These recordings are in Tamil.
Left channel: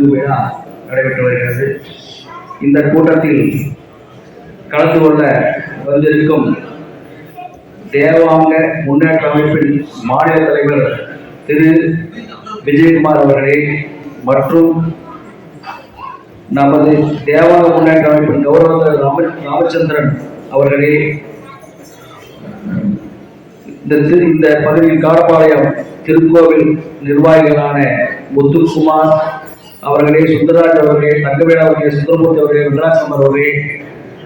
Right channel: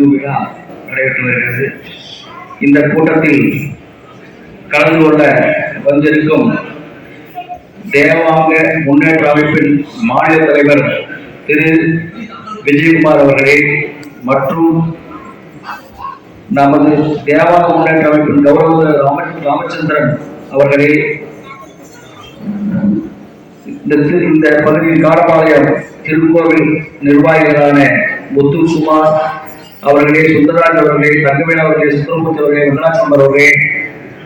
நிறைவு விழா நடைபெற்று வருகிறது. இந்த கூட்டத்தில் கலந்து கொள்ள வந்திருக்கும் தேவாங்க முன்னேற்ற அமைப்பின் மாநில தலைவர் திரு. விஜயகுமார் அவர்களே மற்றும் நமது தேவாங்க முன்னேற்ற அமைப்பின் கௌரவ ராம ராமச்சந்திரன் அவர்களே. இந்த திரு இந்த பகுதியில் காடபாளையம் திருக்கோவில் நிர்வாகிகளான முத்துக்குமார் அவர்களே சுந்தரராஜ் அவர்களே தங்கவேல் அவர்களே சுந்தரமூர்த்தி அவர்களே வெங்கடாசம்பர் அவர்களே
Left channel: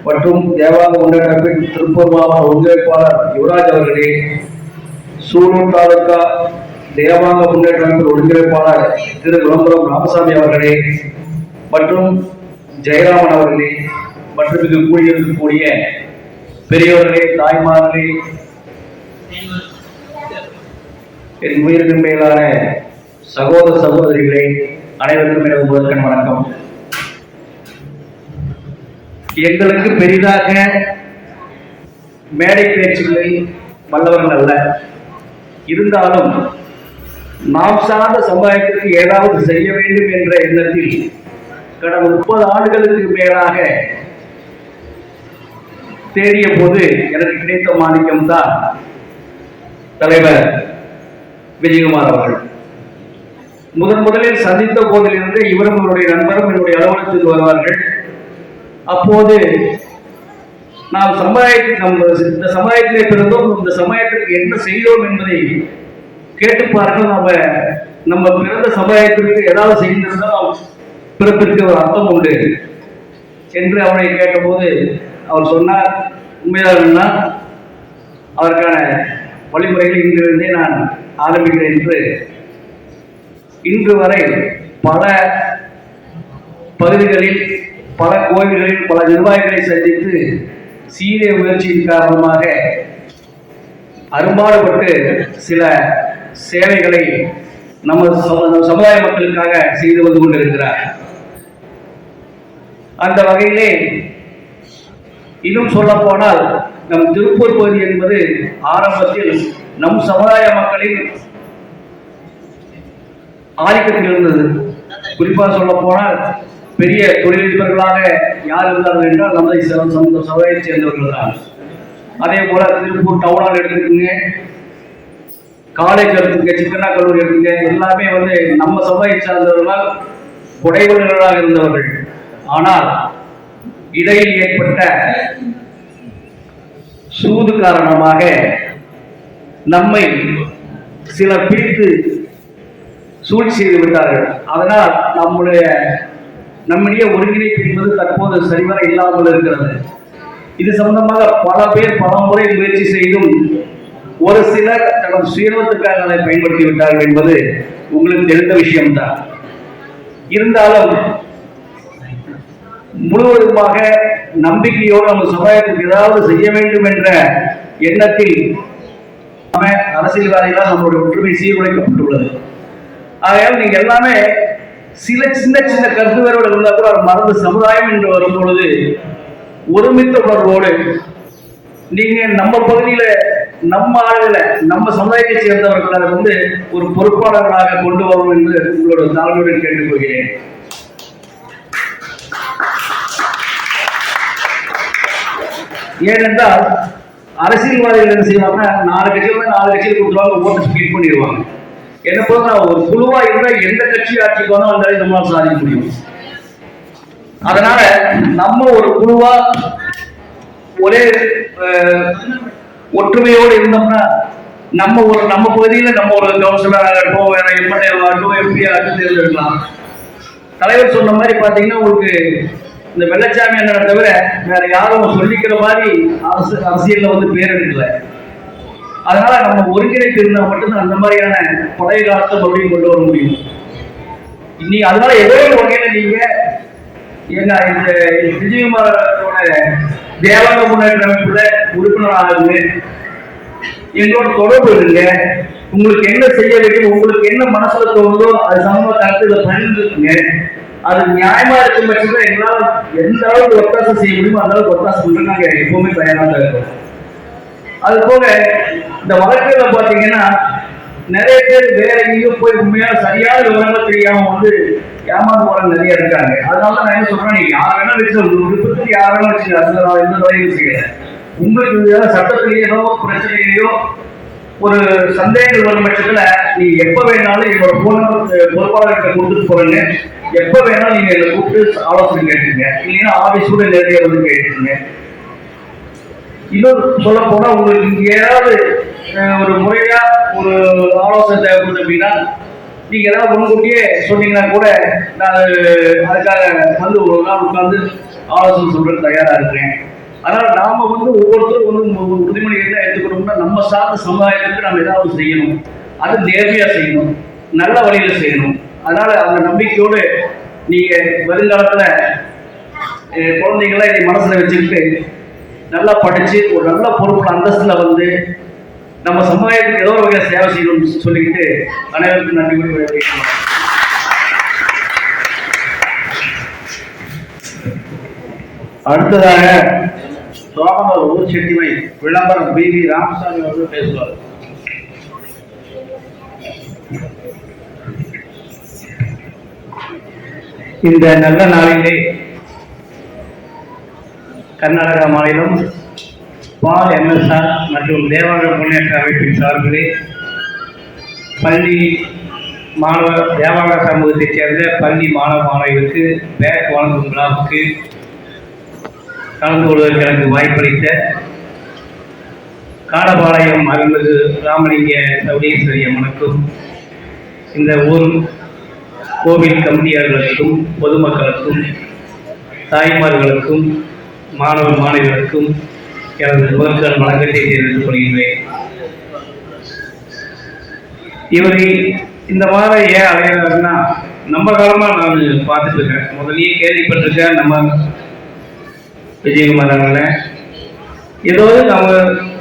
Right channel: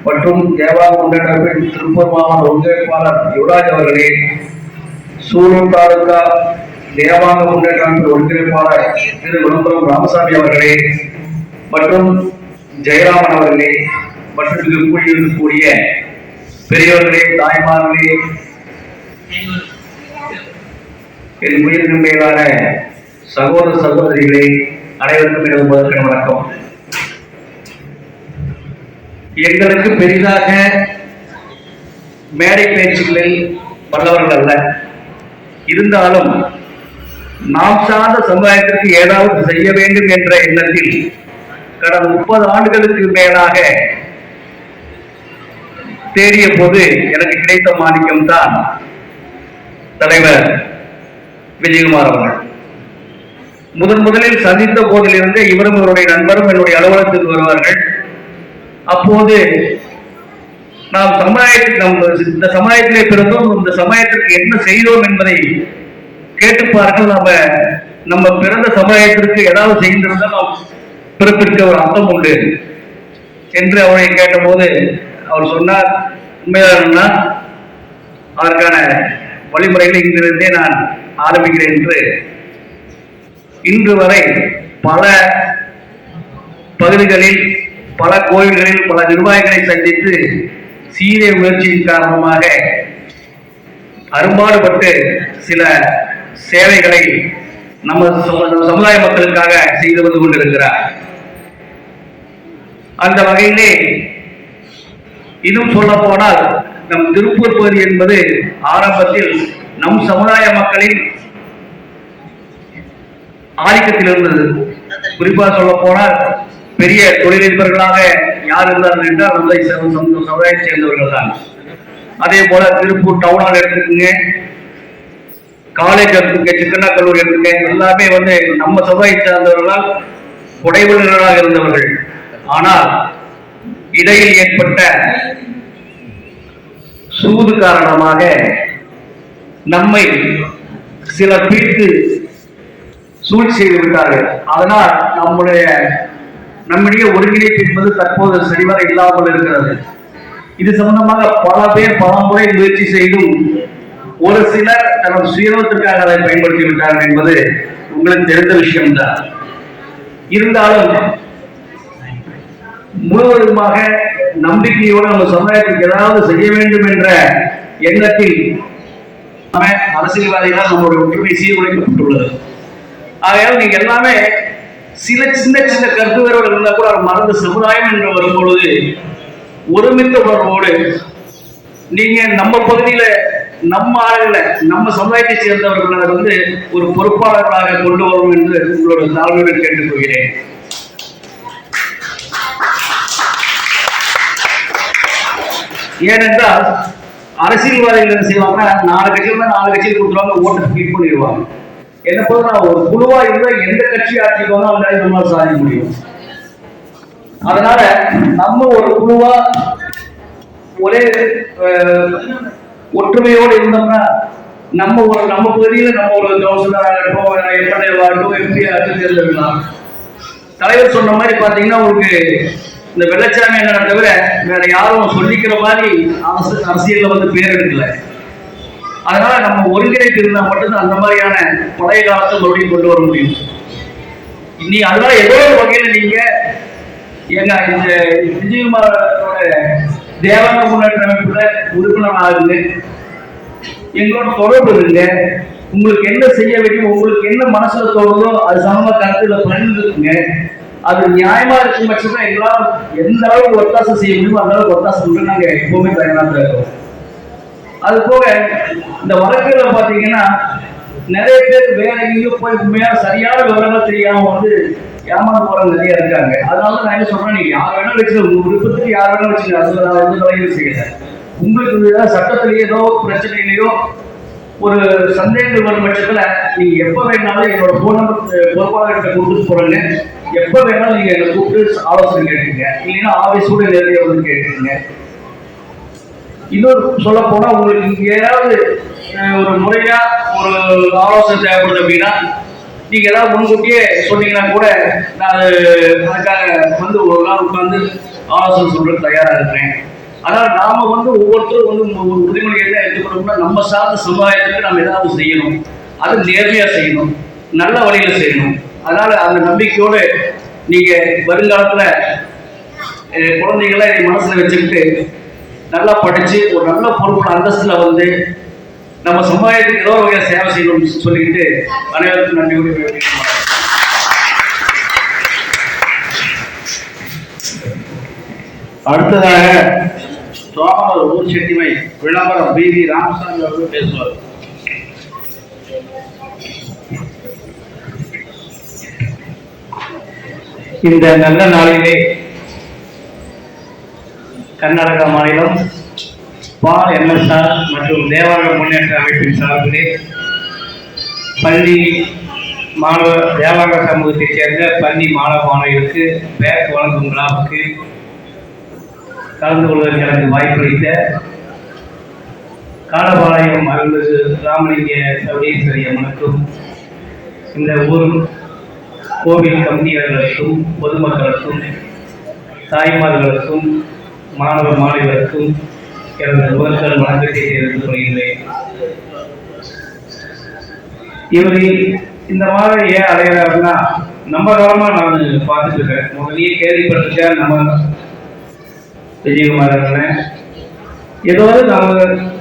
மற்றும் தேவாக முன்னேற்றப்பின் திருப்பூர் மாவட்ட ஒருங்கிணைப்பாளர் யுவராஜ் அவர்களே சூலூர் தாலுகா தேவாங்க முன்னேற்ற ஒருங்கிணைப்பாளர் திரு விளம்பரம் ராமசாமி அவர்களே மற்றும் ஜெயராமன் அவர்களே மற்றும் இங்கு கூடியிருக்கக்கூடிய பெரியவர்களே தாய்மார்களே என் உயிருக்கு மேலான சகோதர சகோதரிகளே அனைவருக்கும் இரவு முதற்கண் வணக்கம். எங்களுக்கு பெரிதாக மேடை பேச்சுகளில் வல்லவர்கள் அல்ல. இருந்தாலும் நாம் சார்ந்த சமுதாயத்திற்கு ஏதாவது செய்ய வேண்டும் என்ற எண்ணத்தில் கடந்த முப்பது ஆண்டுகளுக்கு மேலாக தேடிய போது எனக்கு கிடைத்த மாணிக்கம் தான் தலைவர் விஜயகுமார் அவர்கள். முதன் முதலில் சந்தித்த போதிலிருந்து இவரும் இவருடைய நண்பரும் என்னுடைய அலுவலகத்தில் வருவார்கள். அப்போது நாம் சமுதாயத்தில் நம்ம இந்த சமுதாயத்திலே பிறந்தோம். இந்த சமுதாயத்திற்கு என்ன செய்தோம் என்பதை கேட்டுப்பார்கள் நாம நம்ம பிறந்த சமுதாயத்திற்கு ஏதாவது செய்திருந்தால் பிறப்பிற்கு ஒரு அர்த்தம் உண்டு என்று அவரை கேட்டபோது அவர் சொன்னார். உண்மையானா அதற்கான வழிமுறைகளை இங்கிருந்தே நான் ஆரம்பிக்கிறேன் என்று இன்று வரை பல பகுதிகளில் பல கோயில்களில் பல நிர்வாகிகளை சந்தித்து சீரிய முயற்சியின் காரணமாக அரும்பாடுபட்டு சில சேவைகளை நம்ம சமுதாய மக்களுக்காக செய்து வந்து கொண்டிருக்கிறார். அந்த வகையிலே இன்னும் சொல்ல போனால் நம் திருப்பூர் பகுதி என்பது ஆரம்பத்தில் நம் சமுதாய மக்களின் ஆதிக்கத்தில் இருந்தது குறிப்பாக சொல்ல போனால் பெரிய தொழிலதிபர்களாக யார் இருந்தார்கள் என்றால் நம்மை சமுதாயத்தை சேர்ந்தவர்கள் தான். அதே போல திருப்பூர் டவுனால் எடுத்துருக்குங்க. காலேஜ் எடுத்துக்க சிக்கண்ணா கல்லூரி எடுத்துக்க எல்லாமே வந்து நம்ம சமுதாயத்தை சார்ந்தவர்களால் புடைவர்களாக இருந்தவர்கள். ஆனால் இடையில் ஏற்பட்ட சூது காரணமாக நம்மை சில பிரித்து சூழ்ச்சி செய்து விட்டார்கள். அதனால் நம்முடைய நம்முடைய ஒருங்கிணைப்பு என்பது தற்போது சரிவர இல்லாமல் இருக்கிறது. இது சம்பந்தமாக பல பேர் பலமுறை முயற்சி செய்தும் ஒரு சிலர் தனது சுயநலத்துக்காக அதை பயன்படுத்தி விட்டார்கள் என்பது உங்களுக்கு தெரிந்த விஷயம்தான். இருந்தாலும் முழுவதுமாக நம்பிக்கையோடு நம்ம சமுதாயத்துக்கு ஏதாவது செய்ய வேண்டும் என்ற எண்ணத்தில் அரசியல்வாதிகளால் நம்முடைய ஒற்றுமை சீர்குலைக்கப்பட்டுள்ளது. ஆகையால் நீங்க எல்லாமே சில சின்ன சின்ன கருத்து வேறுகள் இருந்தால் கூட மறந்து சமுதாயம் என்று வரும்பொழுது ஒருமித்த உணர்வோடு நீங்க நம்ம பகுதியில நம்ம ஆளுகளை நம்ம சமுதாயத்தை சேர்ந்தவர்கள் அதை வந்து ஒரு பொறுப்பாளர்களாக கொண்டு வரும் என்று உங்களோட தாழ்வுடன் கேட்டுக்கொள்கிறேன் ஏனென்றால் அரசியல்வாதிகள் என்ன செய்வாங்க நாலு கட்சியில் நாலு கட்சியில் கொடுத்துருவாங்க ஓட்டு ஸ்பிளிட் பண்ணிடுவாங்க. என்ன போல ஒரு குழுவா இருந்தா எந்த கட்சி ஆட்சிக்கு வந்தாலும் அந்த நம்மளால சாதிக்க முடியும். அதனால நம்ம ஒரு குழுவா ஒரே ஒற்றுமையோடு இருந்தோம்னா நம்ம ஒரு நம்ம பகுதியில நம்ம ஒரு கவுன்சிலராக இருக்கட்டும் எம்எல்ஏவா இருக்கட்டும் எம்பி ஆகட்டும் தேர்ந்தெடுக்கலாம். தலைவர் சொன்ன மாதிரி பாத்தீங்கன்னா உங்களுக்கு இந்த வெள்ளச்சாமி என்ன தவிர வேற யாரும் சொல்லிக்கிற மாதிரி அரசு அரசியல்ல வந்து பேர் எடுக்கல. அதனால நம்ம ஒருங்கிணைத்து இருந்தா மட்டும்தான் அந்த மாதிரியான பழைய காலத்தை மறுபடியும் கொண்டு வர முடியும். இனி அதனால ஏதோ ஒரு வகையில நீங்க எங்க இந்த விஜயகுமாரோட தேவாங்க முன்னேற்ற அமைப்புல உறுப்பினர் ஆகுது. எங்களோட தொடர்பு இருங்க. உங்களுக்கு என்ன செய்ய வேண்டும் உங்களுக்கு என்ன மனசுல தோணுதோ அது சம்பந்தமா கருத்துல பகிர்ந்துக்குங்க. அது நியாயமா இருக்கும் பட்சத்துல எங்களால் எந்த அளவுக்கு ஒத்தாசம் செய்ய முடியுமோ அந்த அளவுக்கு ஒத்தாசம் நாங்க எப்பவுமே தயாராக இருக்கோம். அது போக இந்த வழக்குல பாத்தீங்கன்னா நிறைய பேர் வேற எங்கேயோ போய் உண்மையா சரியான விவரங்கள் தெரியாம வந்து ஏமாந்து போறவங்க நிறைய இருக்காங்க. அதனால நான் என்ன சொல்றேன் நீங்க யார் வேணாலும் வச்சு உங்க விருப்பத்துக்கு யார் வேணாலும் வச்சுங்க அதுல நான் எந்த தலையும் செய்யல. உங்களுக்கு ஏதாவது சட்டத்திலேயோ ஏதோ ஒரு ஒரு சந்தேகம் வரும் பட்சத்துல நீங்க எப்ப வேணாலும் என்னோட போன் நம்பர் பொறுப்பாளர்கிட்ட கொடுத்துட்டு போறேங்க எப்ப வேணாலும் நீங்க என்னை கூப்பிட்டு ஆலோசனை கேட்டுங்க இல்லைன்னா ஆபீஸோட நேரடியாக வந்து கேட்டுங்க இன்னொரு சொல்ல போனா உங்களுக்கு இங்க ஏதாவது ஒரு முறையா ஒரு ஆலோசனை தேவைப்படுது அப்படின்னா நீங்க ஏதாவது முன்கூட்டியே சொன்னீங்கன்னா கூட நான் அதுக்காக வந்து ஒரு நாள் உட்காந்து ஆலோசனை சொல்றது தயாரா இருக்கிறேன். அதனால நாம வந்து ஒவ்வொருத்தரும் வந்து ஒரு உறுதிமொழி என்ன எடுத்துக்கணும்னா நம்ம சார்ந்த சமுதாயத்துக்கு நம்ம ஏதாவது செய்யணும். அது நேர்மையா செய்யணும். நல்ல வழியில செய்யணும். அதனால அந்த நம்பிக்கையோடு நீங்க வருங்காலத்துல குழந்தைங்களை மனசுல வச்சுக்கிட்டு நல்லா படிச்சு ஒரு நல்ல பொறுப்பு அந்தஸ்துல வந்து நம்ம சமுதாயத்துக்கு ஏதோ ஒரு சேவை செய்யணும்னு சொல்லிக்கிட்டு அனைவருக்கும் நன்றி கூறி விடைபெறுகிறேன். அடுத்ததாக சோழமர் ஊர் செட்டிமை விளம்பரம் பி வி ராமசாமி அவர்கள் பேசுவார் இந்த நல்ல நாளிலே கர்நாடக மாநிலம் பால் எம்எஸ்ஆர் மற்றும் தேவாலய முன்னேற்ற அமைப்பின் சார்பிலே பள்ளி மாணவ தேவாலய சமூகத்தைச் சேர்ந்த பள்ளி மாணவ மாணவிகளுக்கு பேக் வழங்கும் விழாவுக்கு கலந்து கொள்வதற்கு எனக்கு வாய்ப்பளித்த காலபாளையம் அருள்மிகு ராமலிங்க சௌடீஸ்வரி அம்மனுக்கும் இந்த ஊர் கோவில் கம்பெனியாளர்களுக்கும் பொதுமக்களுக்கும் தாய்மார்களுக்கும் மாணவ மாணவருக்கும் எனது முதற்கண் வணக்கத்தை தெரிவித்துக் கொள்கின்றேன் இவரை இந்த மாதிரி ஏன் அடைகிறாருன்னா நம்ம காலமா நான் பார்த்துட்டு இருக்கேன். முதல்லயே கேள்விப்பட்டிருக்கேன் நம்ம விஜயகுமார் அவர்கள். ஏதோ நம்ம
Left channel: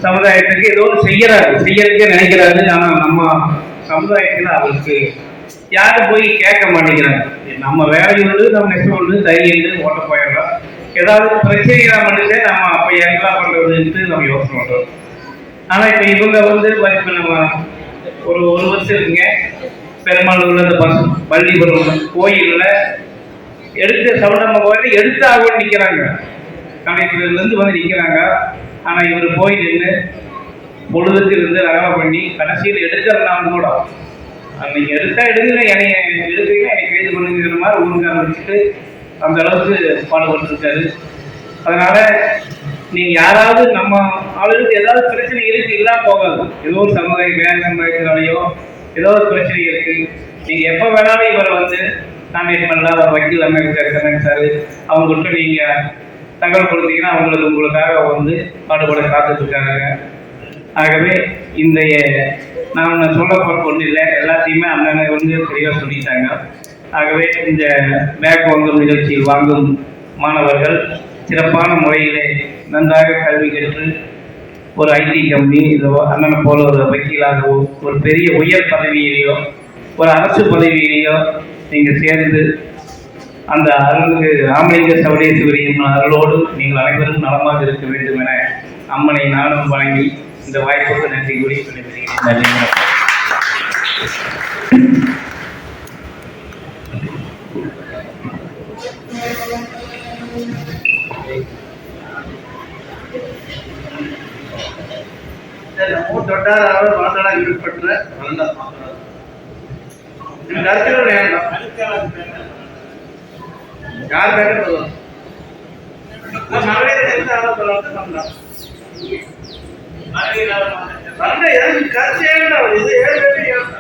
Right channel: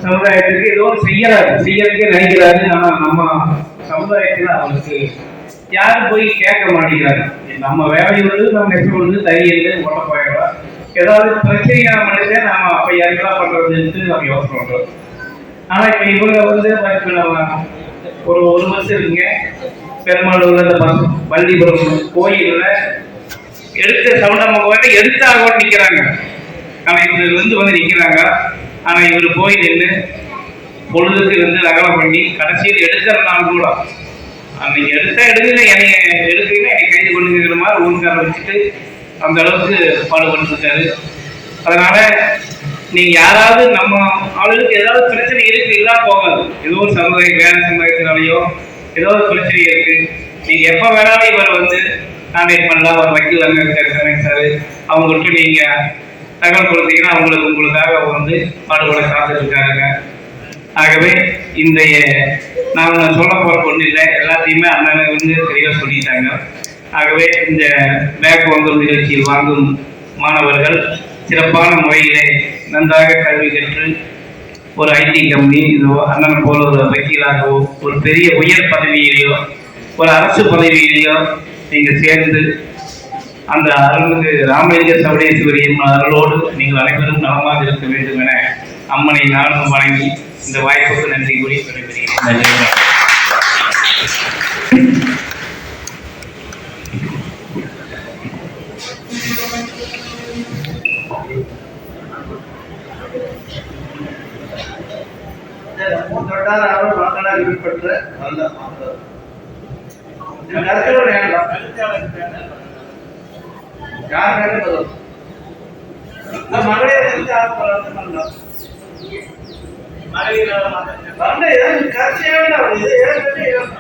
சமுதாயத்துக்கு ஏதோ செய்யறாரு. செய்யறதுக்கே நினைக்கிறாரு. நம்ம நம்ம சமுதாயத்துல அவருக்கு யாரும் போய் கேட்க மாட்டேங்கிறாங்க. நம்ம வேலை உண்டு நம்ம நெசம் ஒன்று தைரியல் ஓட்ட போயிடலாம் ஏதாவது பிரச்சனையா மனுஷே நம்ம அப்ப யாருக்கெல்லாம் பண்றதுன்ட்டு நம்ம யோசனை பண்றோம். ஆனா இப்ப இவங்க வந்து இப்ப நம்ம ஒரு ஒரு வருஷம் இருக்குங்க. பெருமாளூர்ல இந்த பஸ் பள்ளிபுரம் கோயில்ல எடுத்த சவுண்டம்மா கோயில் எடுத்தாக நிக்கிறாங்க. கலைஞர்ல இருந்து வந்து நிக்கிறாங்க. ஆனா இவர் போய் நின்று பொழுதுக்கு இருந்து நகரம் பண்ணி கடைசியில் எடுக்கிறனால கூட. அன்னைக்கு எடுத்தா எடுக்கல என்னை எடுக்கல என்னை கைது பண்ணுங்கிற மாதிரி ஊருக்கார வச்சுட்டு அந்த அளவுக்கு பாடுபட்டு இருக்காரு அதனால நீங்க யாராவது நம்ம ஆளுகளுக்கு ஏதாவது பிரச்சனை இருக்கு இல்லாம போகாது. ஏதோ ஒரு சமுதாயம் வேற சமுதாயத்தினாலேயோ ஏதோ ஒரு பிரச்சனை இருக்கு. நீங்க எப்போ வேணாலும் இவரை வந்து கான்டாக்ட் பண்ணலாம். அவர் வக்கீல் அங்கே இருக்காரு சமயம் சார். அவங்கள்ட்ட நீங்க தகவல் கொடுத்தீங்கன்னா அவங்களுக்கு உங்களுக்காக வந்து பாடுபட காத்துட்டு இருக்காங்க ஆகவே இந்த நான் சொல்ல போகிற ஒன்றும் இல்லை. எல்லாத்தையுமே அண்ணன் வந்து தெளிவாக சொல்லிட்டாங்க. ஆகவே இந்த பேக் வாங்கும் நிகழ்ச்சியில் வாங்கும் மாணவர்கள் சிறப்பான முறையிலே நன்றாக கல்வி கற்று ஒரு ஐடி கம்பெனி இதோ அண்ணன் போல ஒரு வக்கீலாகவோ ஒரு பெரிய உயர் பதவியிலேயோ ஒரு அரசு பதவியிலேயோ நீங்கள் சேர்ந்து அந்த அருள்மிகு ராமலிங்க சவடேஸ்வரியின் அருளோடு நீங்கள் அனைவரும் நலமாக இருக்க வேண்டும் என அம்மனை நானும் வழங்கி இந்த வாய்ப்புக்கு நன்றி கூறி விடைபெறுகிறேன். வட்டார மாநாடாக விடுபட்ட கருத்தில் யார் பேரே போதும். மகளிர் எந்த ஆளுநர் பண்ணலாம். மகளிர் பண்ண ஏன் கட்சி வேண்டாம் இது ஏன் வேண்டாம்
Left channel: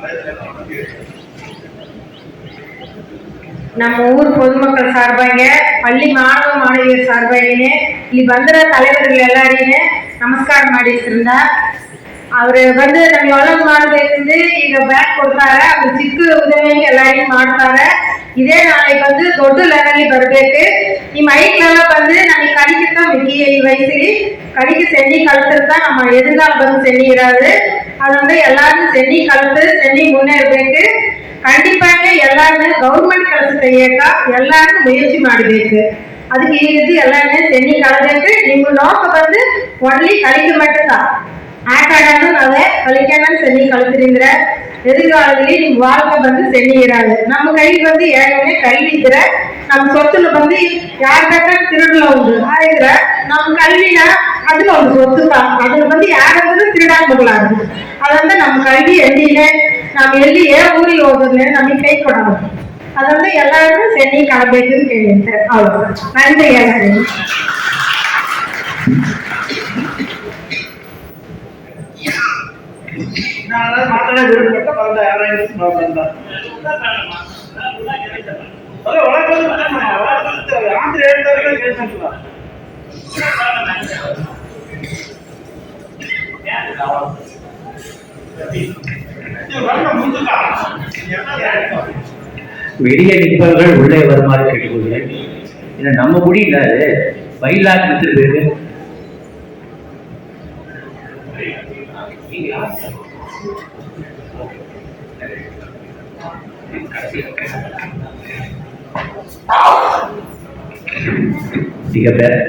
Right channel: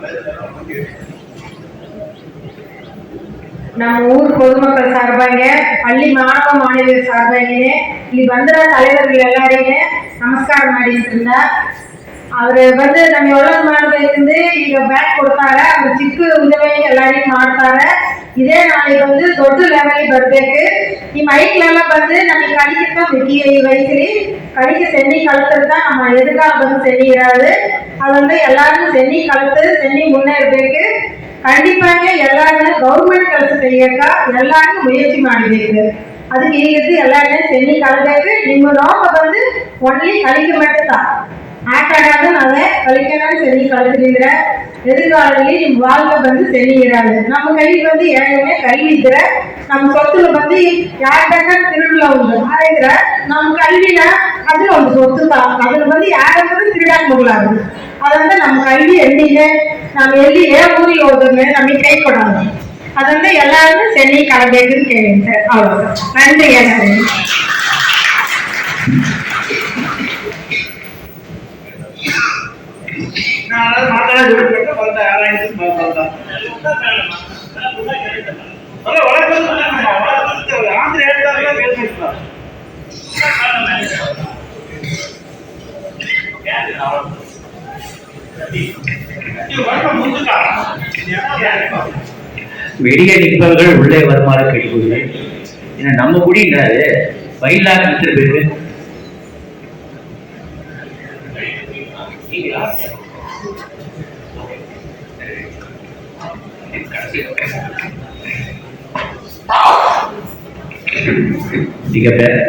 Thank you. நம்ம ஊர் பொதுமக்கள் சார்பாங்க பள்ளி மாணவ மாணவியர் சார்பாகினே இனி ಬಂದಿರ தலைவர்கள் ಎಲ್ಲಾರಿಗೂ ನಮಸ್ಕಾರ ಮಾಡಿದ್ರಿಂದ ಅವರು வந்து ನಮ್ಗೆ ಒಳ್ಳೇದು ಮಾಡಬೇಕಂದು ಈಗ ಬ್ಯಾಗ್ ಕೊಡ್ತಾರೆ ಅವ್ರು ಚಿಕ್ಕ ಉದ್ಯಮಿಗೆ ಎಲ್ಲರಿಗೂ ಮಾಡ್ತಾರೆ ಇದೇ ನಾಳೆ ಬಂದು ದೊಡ್ಡ ಲೆವೆಲ್ ಬರಬೇಕು ಈ ಮೈಕ್ಲೆಲ್ಲ ಬಂದು ನನಗೆ கடிக்கு தான் முக்கிய வயசுலி கடிக்கு சென்னி கழுத்துறது தான். நம்ம எதிர்கால வந்து சென்னிடாது அது வந்து எல்லாருக்கும் சென்னி கழுத்து சென்னி முன்னேறதுக்கு ಖಂಡಿತಾಗ எல்லாருமே கவர்மெண்ட் ಕೆಲಸ ತೆಗಿಯಕ ಎಲ್ಲರೂ முயற்சி ಮಾಡಬೇಕು ಅದಕ್ಕೆ ಈ ರೀತಿ ಎಲ್ಲರನ್ನೇ ತೆನಿ ಕಳಬೇಕು ನಿಮ್ಮ வந்து ஒன்லி ಒಳ್ಳೆ மட்டும்தான். ஆட்ட ஆடாமல் அதை கழிக்காமல் சென்னி கழுத்துறீங்கிற எதிர்காலத்திலேயே நீங்க வாழ்க்கை வந்து சென்னிக்கிறாங்க நம்ம கையில் வந்து ஏழனே கல்விக்கிற நம்ம சொத்துல வந்து யார்கிட்ட திருடல உண்டு. அதுங்கிற நம்ம கல்வியில அது ஒரு சொத்து தான் அதுல வந்து யாரும் திருடாம போகலாது அது வந்து நம்ம கல்வி எண்ணியில ನಾವು ಎಲ್ಲಿ ಏ ಊರಿಗೆ ಹೋದ್ರೆ ನಮಗೆ ಕೈ ಕೊಡೋದು ಅದಂದ್ರೆ ಎಲ್ಲಾರು ಸೆನ್ನಿ ಕಳಬೇಕು ಅಂತ ಹೇಳಿ ಸರ್ ಹೌದು ನನ್ರಿ ಹೇಳ್ತೀನಿ ನಾನು ಮಾತಾಡೋದು ಬಿಟ್ಬಿಟ್ಟು ಬಂದ ಯಾರಾಯ್ತು ಬಂದ ಅಲ್ಲ ಒಳಗೆ ಬಂದು ನಮ್ಮ ಒಳಗೆ ಬಂದು ಆಂಧ್ರ ಹೇಳ್ತಾರೆ ಕೇಳ್ತಿಲ್ಲ ನೀವು ಬಣ್ಣ ಮುಂದಕ್ಕ வெளியே நிற்பவர்கள் உள்ளே வருமாறு கேட்டுக்கொள்கிறேன். ஏன்னா நம்ம குடி என்னது வயலாக நிற்கிற பேரு? நீங்களா?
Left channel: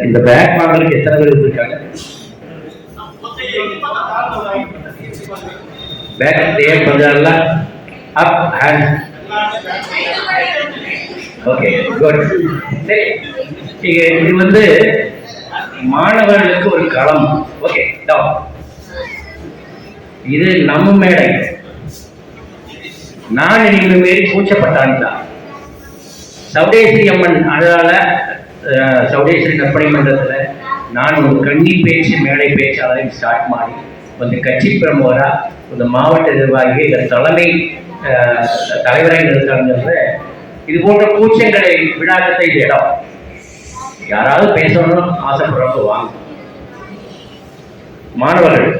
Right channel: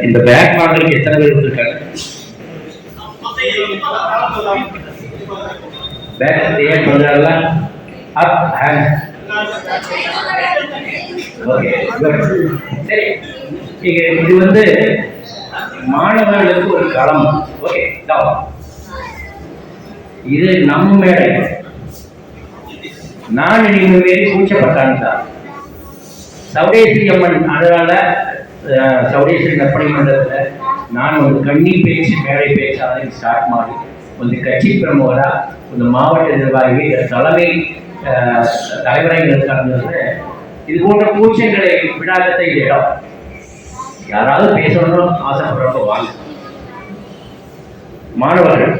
இந்த பேக் மாடலுக்கு எத்தனை பேர் வந்திருக்காங்க பேக் ஏன் கொஞ்சம் அப் ஹேண்ட் ஓகே குட் சரி இங்க இது வந்து மாணவர்களுக்கு ஒரு களம். ஓகே டவுன் இது நம்ம மேடை. நான் இனிமே மாரி கூச்சப்பட்டான் தான். சௌடேஸ்வரி அம்மன் அதனால அஹ், கற்பனை மன்றத்தில் நான் ஒரு கண்ணி பேச்சு மேடை பேச்சாளரை ஸ்டார்ட் மாறி ಒಂದು கட்சி பிரமுகராக இந்த மாவட்ட நிர்வாகி இந்த தலைமை தலைவராக இருக்காங்கிறத இது போன்ற கூச்சங்களை விழாக்கத்தை இடம். யாராவது பேசணும்னு ஆசைப்படுறப்ப வாங்க. மாணவர்கள்.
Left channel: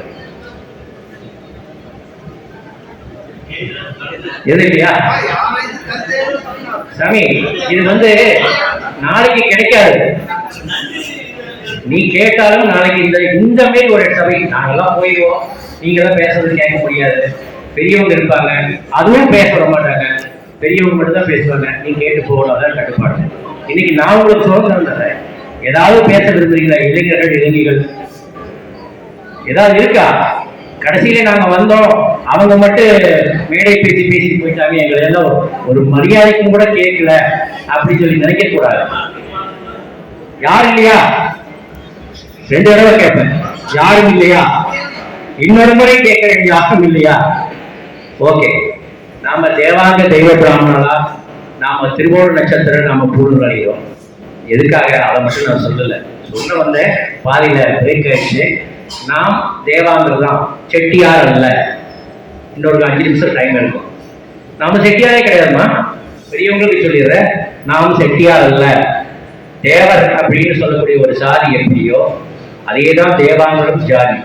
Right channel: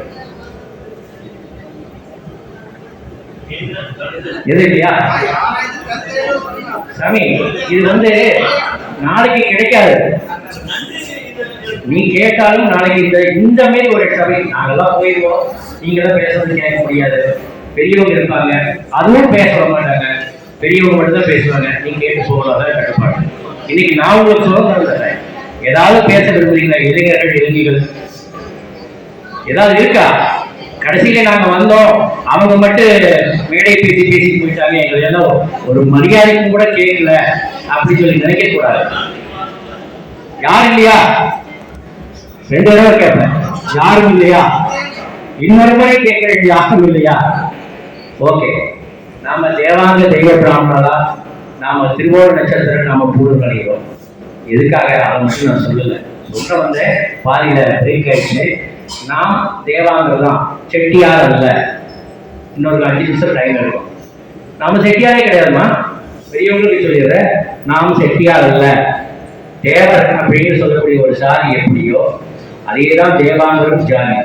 எது இல்லையா? சாமி இது வந்து நாளைக்கு கிடைக்காது. நீ கேட்டாலும் நாளைக்கு இந்த இந்த மாரி ஒரு சபை நாங்கெல்லாம் போயிடுவோம். நீங்களாம் பேசுறது கேட்க முடியாது. பெரியவங்க இருப்பாங்க. அதுவும் பேச விட மாட்டாங்க. பெரியவங்க மட்டும் தான் பேசுவாங்க. நீ கேட்டு போகலாம் கட்டுப்பாடு. இன்னைக்கு நான் உங்களுக்கு சுதந்திரம் தரேன். ஏதாவது பேச விரும்புறீங்களா? இளைஞர்கள் இளைஞர்கள் ஏதாவது இருக்கா? கடைசியில நாங்க வந்தோம். அவங்க மட்டும் மேடை பேசி பேசி போயிட்டாங்க. எங்களை எல்லாம் ஒரு மரியாதைக்கும் கூட கேட்கல. அப்படின்னு சொல்லி நினைக்க கூடாது யார் இல்லையா? ரெண்டு தடவை கேட்பேன். யாரும் இல்லையா? இன்னொரு முறை கேட்கிறேன் யாரும் இல்லையா? ஓகே. நாம தேவாங்க தெய்வ பிராமணலா நாம திருவோண நட்சத்திரம் நாம பூர்ணம் அடைகிறோம் எதுக்காக அதை மட்டும் நான் சொல்லல. சொல்ல வந்த பாதியில பிரேக் ஆயிடுச்சு. நாம் தேவாங்கர் தான். செட்டியார் அல்ல. இன்னொரு அஞ்சு நிமிஷம் டைம் எடுக்கும். நாம செட்டியாரே கிடையாதுமா பெரியவங்களுக்கு சொல்லிடுறேன் நாம் செட்டியார் அல்ல. தேவர் அப்படின்னு சொல்லக்கூடிய ஒரு சாதி எப்படியோ அதே தான் தேவாங்கரும் ஜாதி